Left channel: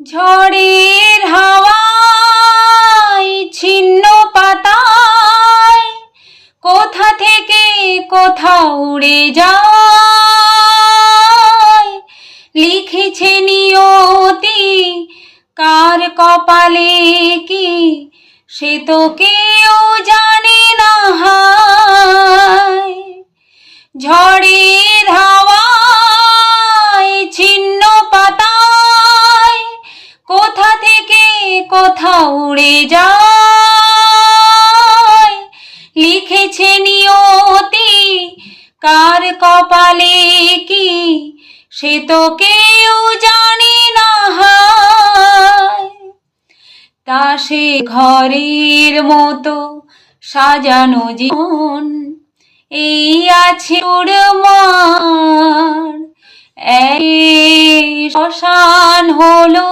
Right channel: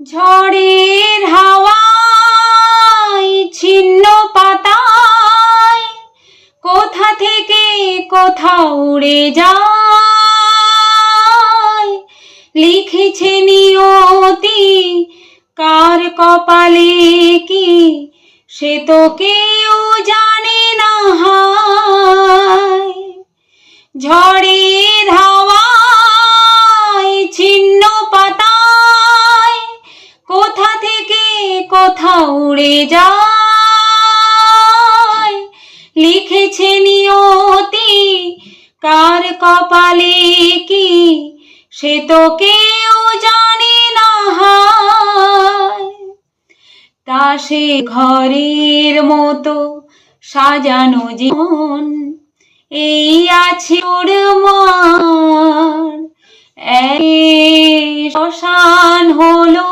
ঝড়ের হাওয়ায় ছিন্ন পাতায় কোথা থেকে কোথাও উড়ে যায়। লিখেছে নিয়তি কার কপালে কি, সে তো কেউ জানে না হায়। ঝড়ের হাওয়ায় ছিন্ন পাতায় কোথা থেকে কোথাও উড়ে যায়। লিখেছে নিয়তি কার কপালে কি, সে তো কেউ জানে না হায়। তা সে ঘরের মতো সাজানো জীবন এই আছে উড়মান, শ্মশান হলো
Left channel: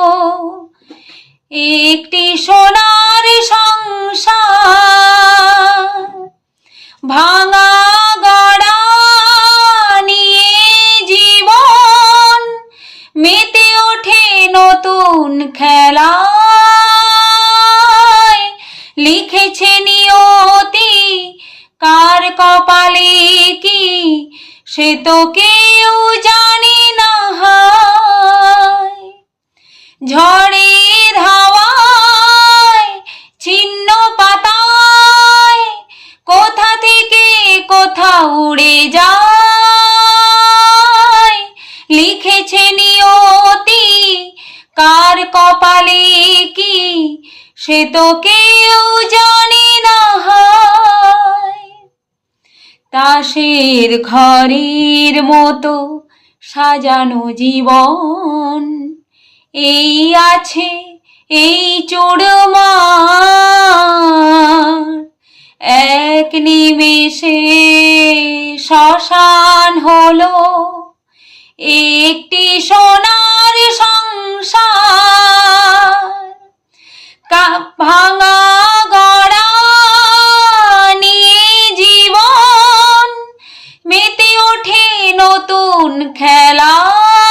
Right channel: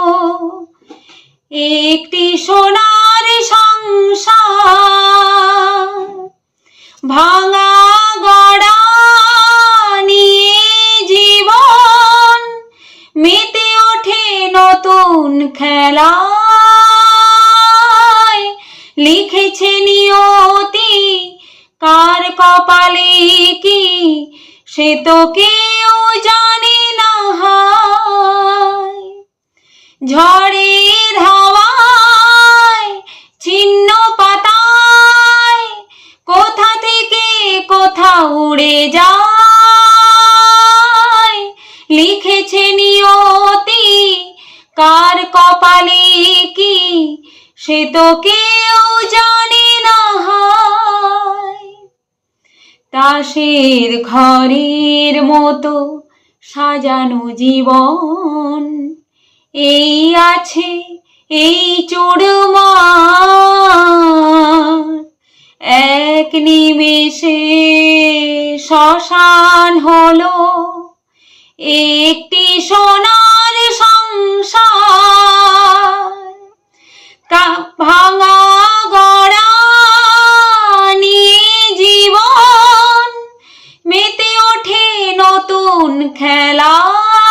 একটি সোনার সংসার। ভাঙা গড়া নিয়ে জীবন মেতে ওঠে নতুন খেলায়। লিখেছে নিয়তি কার কপালে কি, সে তো কেউ জানে না হায়। ঝড়ের হাওয়ায় ছিন্ন পাতায় কোথা থেকে কোথাও উড়ে যায়। লিখেছে নিয়তি কার কপালে কি, সে তো কেউ জানে না হায়। তাসের ঘরের মতো সাজানো জীবন এই আছে এই চোরমার। এক নিমেষে শ্মশান হলো একটি সোনার সংসার। ভাঙা গড়া নিয়ে জীবন মেতে ওঠে নতুন খেলায়।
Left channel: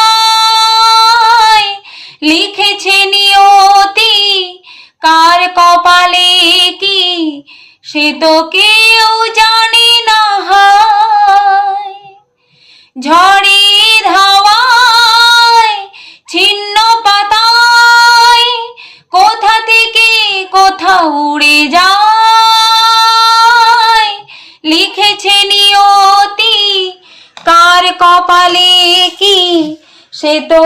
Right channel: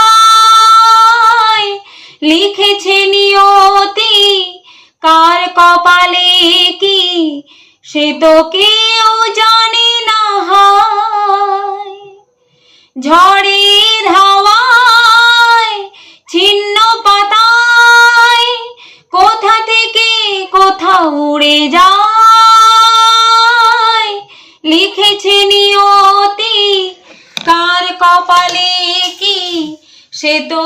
লিখেছে নিয়তি কার কপালে কি, সে তো কেউ জানে না হায়। ঝড়ের হাওয়ায় ছিন্ন পাতায় কোথা থেকে কোথাও উড়ে যায়। লিখেছে নিয়তি কার কপালে কি, সে তো